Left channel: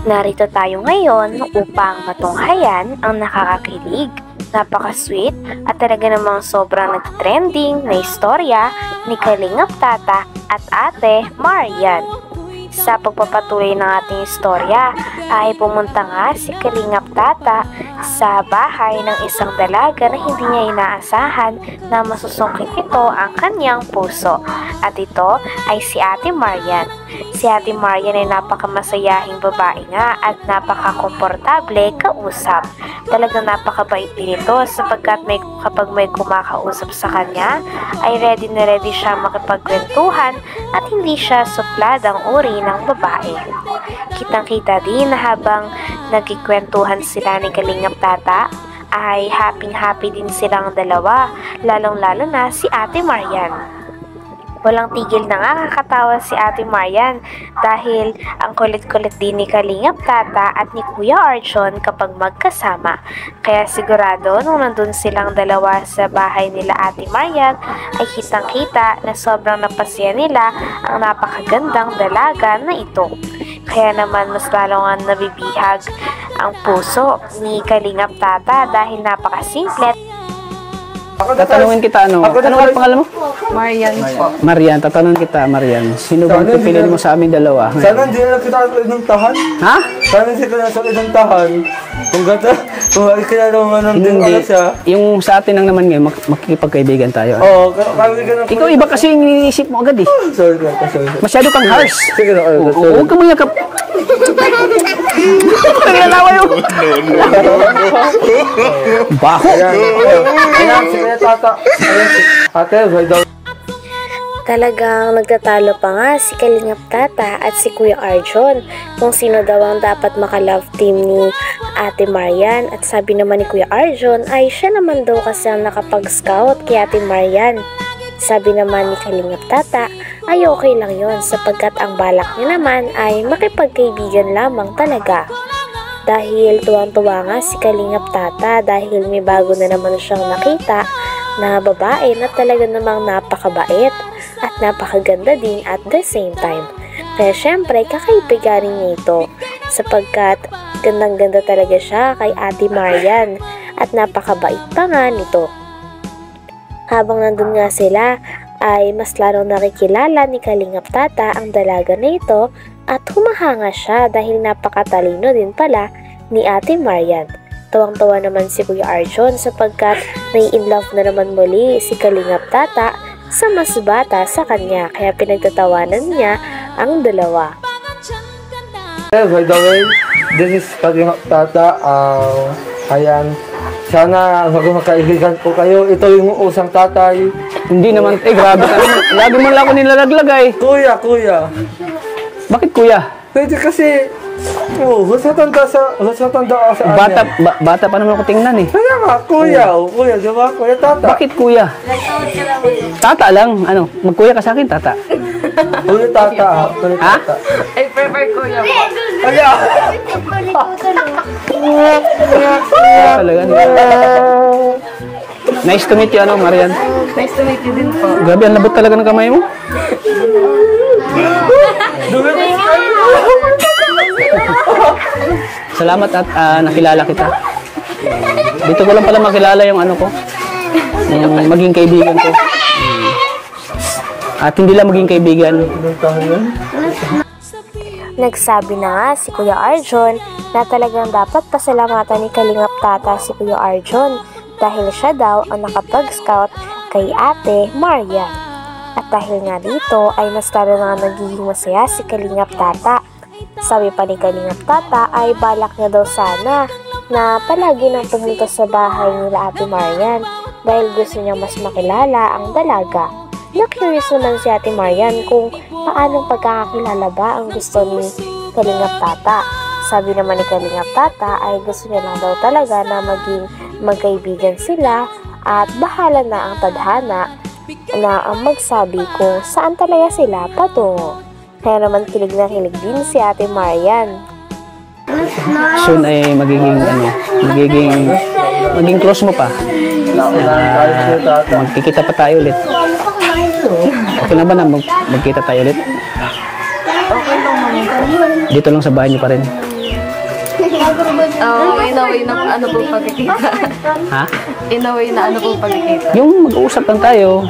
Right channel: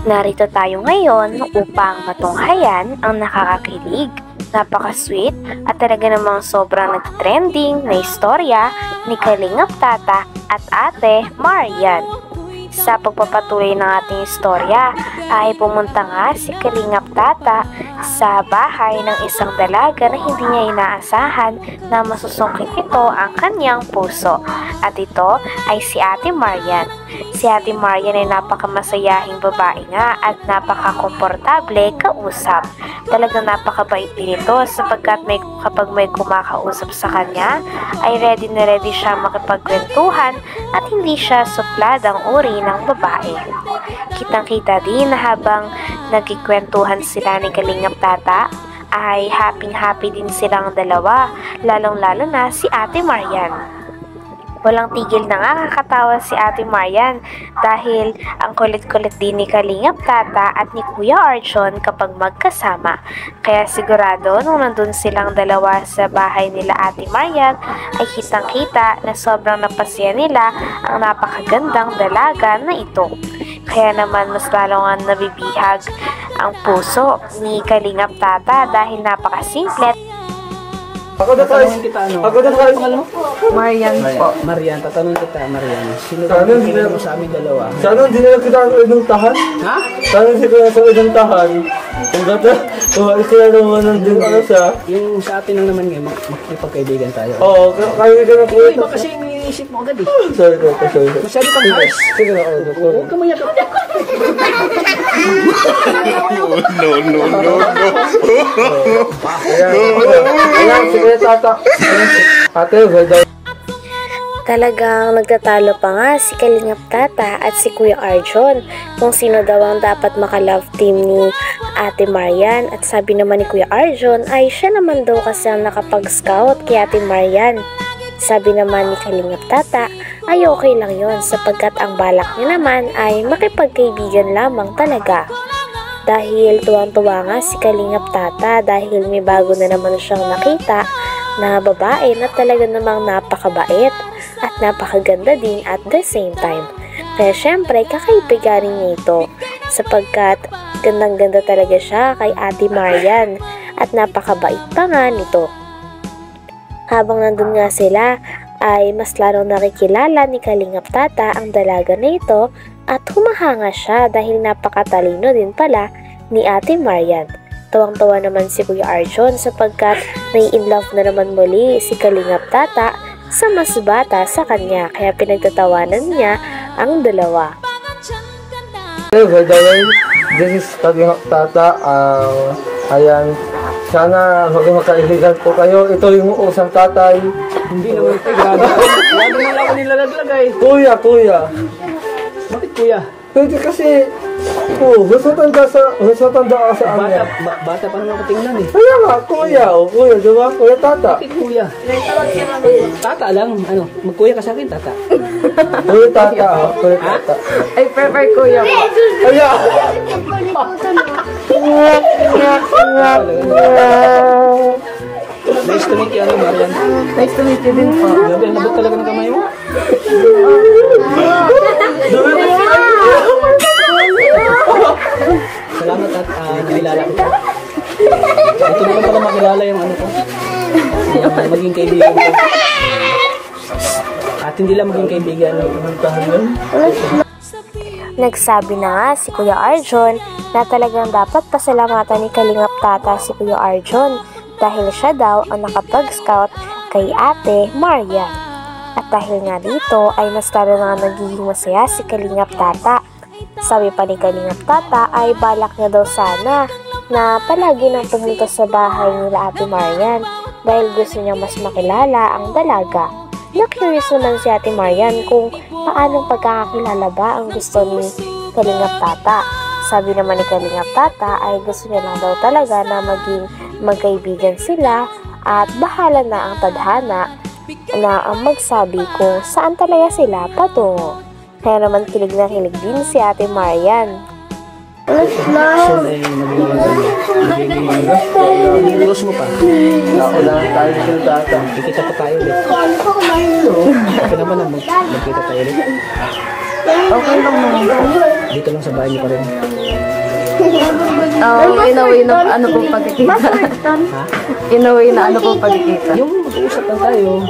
Narito tayo ngayon upang matunghayan ang nakakakilig, napaka-sweet at talaga namang sobrang nag-trending na istorya ni Kalingap Tata at Ate Marian. Sa pagpapatuloy ng ating istorya ay pumunta nga si Kalingap Tata sa bahay ng isang dalaga na hindi niya inaasahan na masusungkit ito ang kanyang puso. At ito ay si Ate Marian. Si Ate Marian ay napakamasayahing babae nga at napakakomportable kausap. Talagang napakabait din ito sapagkat kapag may kumakausap sa kanya ay ready na ready siya makipagkwentuhan at hindi siya suplad ang uri ng babae. Kitang-kita din na habang nagkikwentuhan sila ni Kalingap Tata ay happy din silang dalawa, lalong-lalo na si Ate Marian. Walang tigil na nga kakatawa si Ate Marian dahil ang kulit-kulit din ni Kalingap Tata at ni Kuya Arjon kapag magkasama. Kaya sigurado nung nandun silang dalawa sa bahay nila Ate Marian ay kitang-kita na sobrang napasya nila ang napakagandang dalaga na ito. Kaya naman mas lalo nga nabibihag ang puso ni Kalingap Tata dahil napakasimple. Tatanungin kita, ano ang pangalan mo? Marian po. Marian, tatanungin kita, Marian. Sino ba pipiliin mo sa amin dalawa? Sana hindi na kita inuntahan. Ha? Sana hindi ka sa inuntahan. Kung ikila naman ang hindi siya. Yung sa atin lang naman ngayon, makikipagkaibigan tayo. Oo, kami ka na. Ikaw iba kasi yung iniisip mo agad eh. Sorry. Masyado kang harsh. Sige na. Huwag ka mayakap. No. Baho. Sige, tata. Ate, ganda. Talagang nagtatalo pa nga si Kalingap Tata at si Kuya Arjon kung sino daw ang dapat maka-love team ni Ate Marian. At sabi naman ni Kuya Arjon ay siya naman daw kasi ang nakapag-scout kay Ate Marian. Sabi naman ni Kalingap Tata ay okay lang yon sapagkat ang balak niya naman ay makipagkaibigan lamang talaga. Dahil tuwang-tuwa nga si Kalingap Tata dahil may bago na naman siyang nakita na babae na talaga namang napakabait at napakaganda din at the same time. Kaya syempre kakaibiganin niya ito sapagkat gandang-ganda talaga siya kay Ate Marian at napakabait pa nga nito. Habang nandun nga sila ay mas larong nakikilala ni Kalingap Tata ang dalaga na ito at humahanga siya dahil napakatalino din pala ni Ate Marian. Tawang-tawa naman si Kuya Arjon sapagkat nai-inlove na naman muli si Kalingap Tata sa mas bata sa kanya kaya pinagtatawanan niya ang dalawa. Ganda rin. This is Kalingap Tata. Ayan. Sana magkakaibigan po kayo. Ito yung usang tatay. Hindi naman, grabe. Grabe man lang ako nilalaglag eh. Kuya. Bakit kuya? Hindi kasi, gusto tanda sa Bata pa naman ako tingnan eh. Kaya nga, kuya, diba? Kuya Tata. Bakit kuya? Tata lang, ano, magkuya ka sa akin, Tata. Kuya Tata, kuya Ha? Tata. I prefer kuya po. Kaya! Talaga. Nice to meet you, ano, Marian. Nice to meet you din po. Grabe, ang labot talaga ng kamay mo. Salamat at nakilala kita. Dito ko lang pala makilala yung ano ko, yung maging kaibigan ko. At hindi lang maging kaibigan. Nagsabi na nga si Kuya Arjon na talagang dapat pasalamatan ni Kalingap Tata si Kuya Arjon dahil siya daw ang nakapag-scout kay Ate Marian. At dahil nga dito ay mas lalo na nagiging masaya si Kalingap Tata. Sabi pa ni Kalingap Tata ay balak niya daw sana na palagi nang pumunta sa bahay nila Ate Marian dahil gusto niya mas makilala ang dalaga. Na-curious naman si Ate Marian kung paanong pagkakakilala ba ang gusto ni Kalingap Tata. Sabi naman ni Kalingap Tata ay gusto niya lang daw talaga na maging magkaibigan sila at bahala na ang tadhana na ang magsabi kung saan talaga sila patungo. Kaya naman kilig na kilig din si Ate Marian. Soon ay magiging close mo pa. Magkikita pa tayo ulit. Okay na ba na magkita tayo ulit? Okay lang. Dito lang sa bahay niyo pa rin. In a way na ano po pagkikita. Ha? In a way na ano po pagkikita. Yung mag-uusap lang tayo,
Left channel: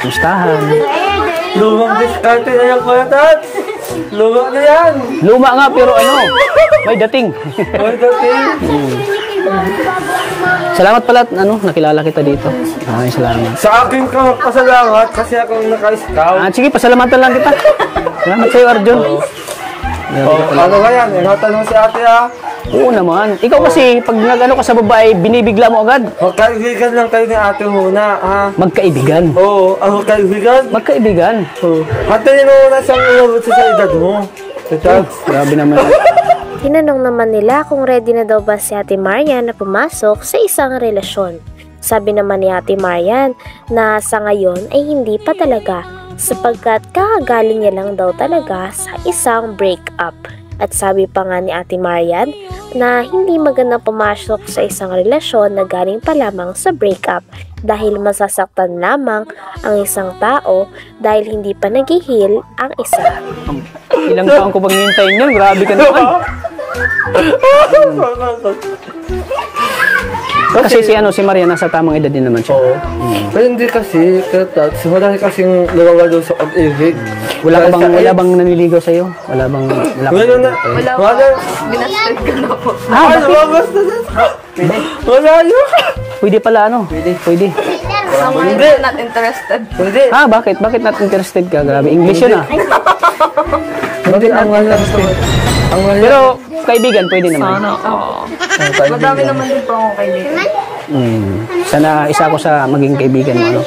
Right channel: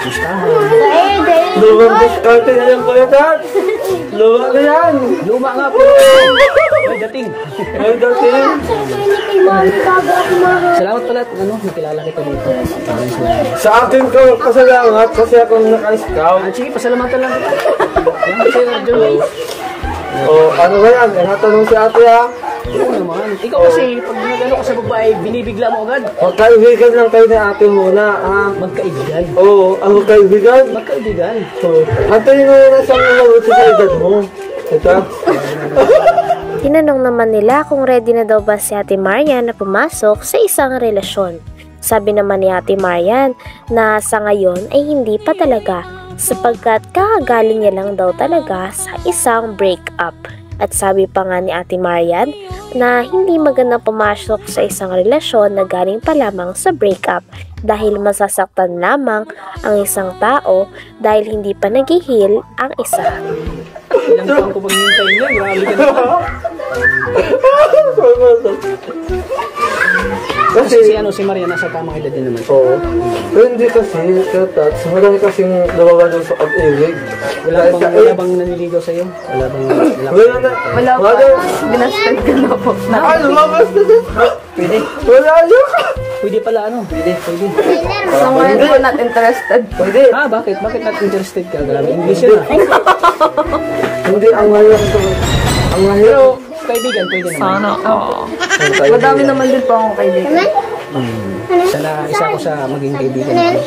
mustahan. Lumang diskarte na yan, Kuya Tats. Luma na yan. Luma nga pero ano, may dating. Kuya Tats yan. Salamat pala, nakilala kita dito. Maraming salamat. Sa akin ka pasalamat kasi akong naka-scout. Sige, pasalamatan lang kita. Salamat sa'yo, Arjun. Oh, ano ba yan? Natanong si ate ha? Oo naman. Ikaw kasi, pag nag-ano ka sa babae, binibigla mo agad. Magkaibigan lang kayo ni ate muna, ha? Magkaibigan. Oo, ang kaibigan. Magkaibigan. Oo. Antayin mo muna sa inabot sa edad mo. Ito. Grabe naman. Tinanong naman nila kung ready na daw ba si Ate Marian na pumasok sa isang relasyon. Sabi naman ni Ate Marian na sa ngayon ay hindi pa talaga sapagkat kakagaling niya lang daw talaga sa isang breakup. At sabi pa nga ni Ate Marian na hindi magandang pumasok sa isang relasyon na galing pa lamang sa breakup dahil masasaktan lamang ang isang tao dahil hindi pa nag-heal ang isa. Ilang taon ko paghihintay niyo, grabe ka naman. Kasi si Maria nasa tamang edad din naman siya. Oo. Pero hindi kasi, Tats, marami kasing nawawala sa pag-ibig. Wala bang naniligaw sa'yo? Wala bang... Wala na. Wala. Binasted ko na po. Ay, lumabas na din. Wala yun. Pwede pala Pwede. Somewhere po not interested. Pwede. Bakit? Bakit not interested ka? Grabe, English yun Hindi, ang mahal lang sa Pero, kaibigan, pwede naman. Madami naman din po akong kaibigan. Sana isa ako sa maging kaibigan mo.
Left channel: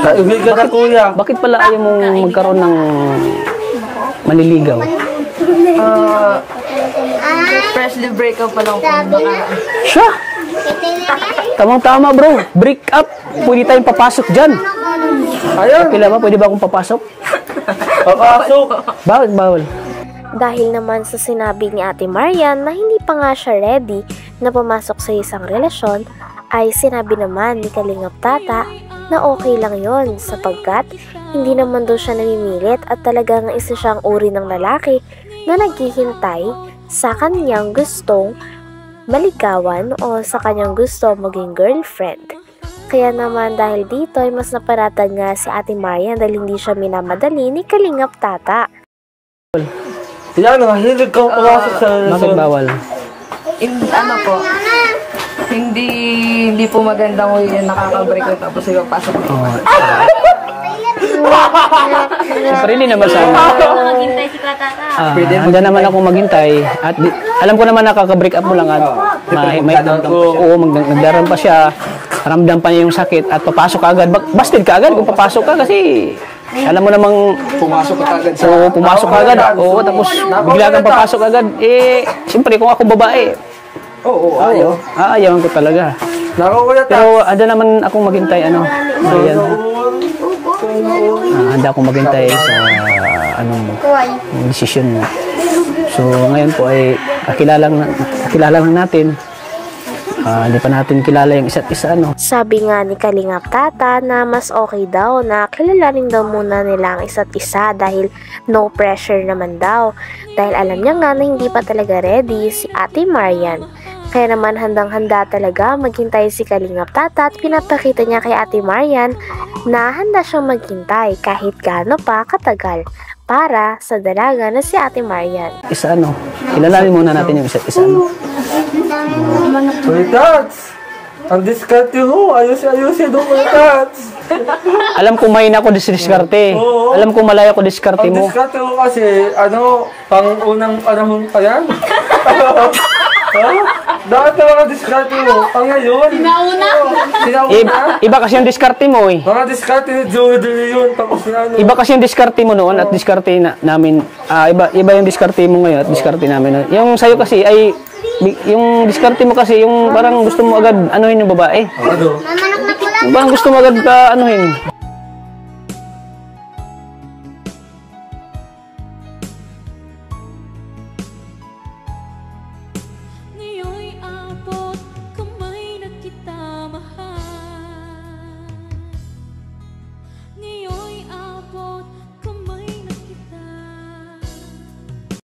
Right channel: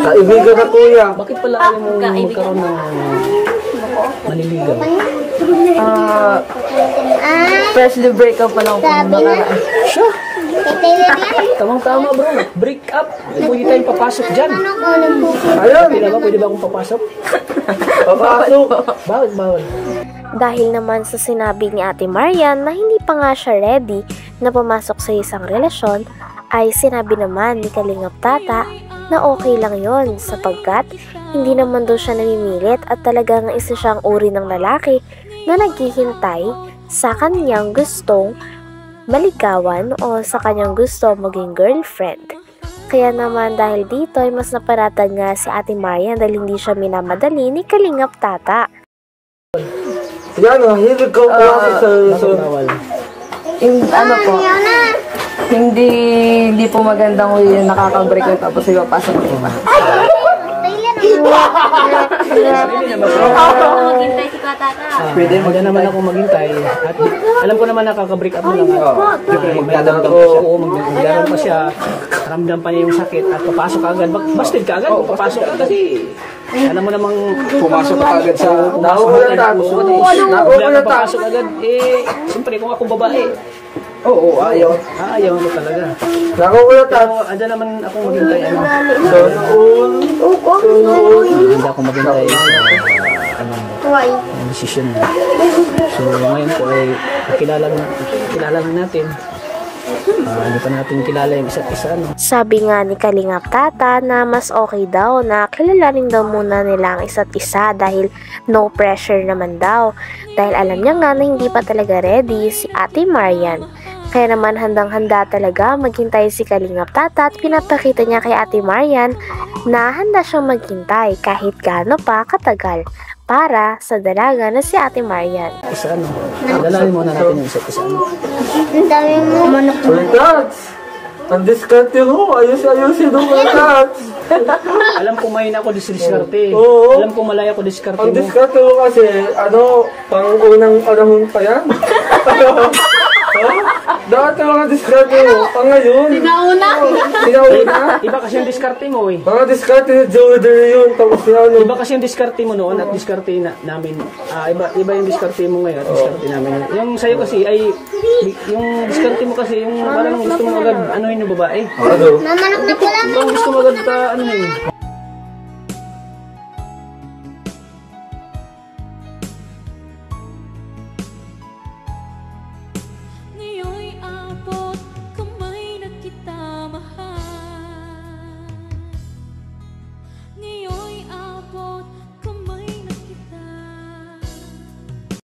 Kaibigan ka, kuya. Bakit pala ayaw mong magkaroon ng manliligaw? Freshly break up pa lang po. Siya! Tamang-tama bro, break up. Pwede tayong papasok dyan. Ayan. Kailangan pwede ba akong papasok? Papasok. Bawal. Dahil naman sa sinabi ni Ate Marian na hindi pa nga siya ready na pumasok sa isang relasyon, ay sinabi naman ni Kalingap Tata na okay lang yon sapagkat hindi naman daw siya namimilit at talagang isa siyang uri ng lalaki na naghihintay sa kanyang gustong maligawan o sa kanyang gusto maging girlfriend. Kaya naman dahil dito ay mas naparatan nga si Ate Marian dahil hindi siya minamadali ni Kalingap Tata. Yan, mahilig kang pumasok sa Bakit relasyon. bawal? Ano po, hindi po magandang way na nakaka-break up tapos yung pasok. Siyempre hindi naman sa handa naman ako maghintay at alam ko naman nakaka-break up mo lang may nagdaroon pa siya, ramdam pa niya yung sakit at papasok ka agad, busted ka agad kung papasok ka kasi alam mo namang pumasok ka agad tapos bigla kang papasok agad siyempre kung ako babae ayaw ko talaga. Pero handa naman akong maghintay handa akong maghintay sa desisyon mo. So ngayon po ay kilala lang natin. Hindi pa natin kilala yung isa't isa, Sabi nga ni Kalingap Tata na mas okay daw na kilalanin daw muna nila ang isa't isa dahil no pressure naman daw. Dahil alam niya nga na hindi pa talaga ready si Ate Marian. Kaya naman handang-handa talaga maghintay si Kalingap Tata at pinapakita niya kay Ate Marian na handa siyang maghintay kahit gaano pa katagal para sa dalaga na si Ate Marian. Kilalanin muna natin yung isa't isa. Tats, ang diskarte mo. Ayos-ayusin mo, Tats. Alam ko may na ako diskarte. Oo. Alam ko malaya ako diskarte Ang mo. diskarte mo kasi, pang-unang panahon pa yan. Dapat na mga diskarte mo, ngayon. Sinauna. Iba kasi yung diskarte mo Mga diskarte ni Joey De Leon, tapos na Iba kasi yung diskarte mo noon at diskarte namin. Iba yung diskarte mo ngayon at diskarte namin. Yung sa'yo kasi ay, yung diskarte mo kasi, yung parang gusto mo agad anuhin yung babae. Ano? Parang gusto mo agad ka anuhin.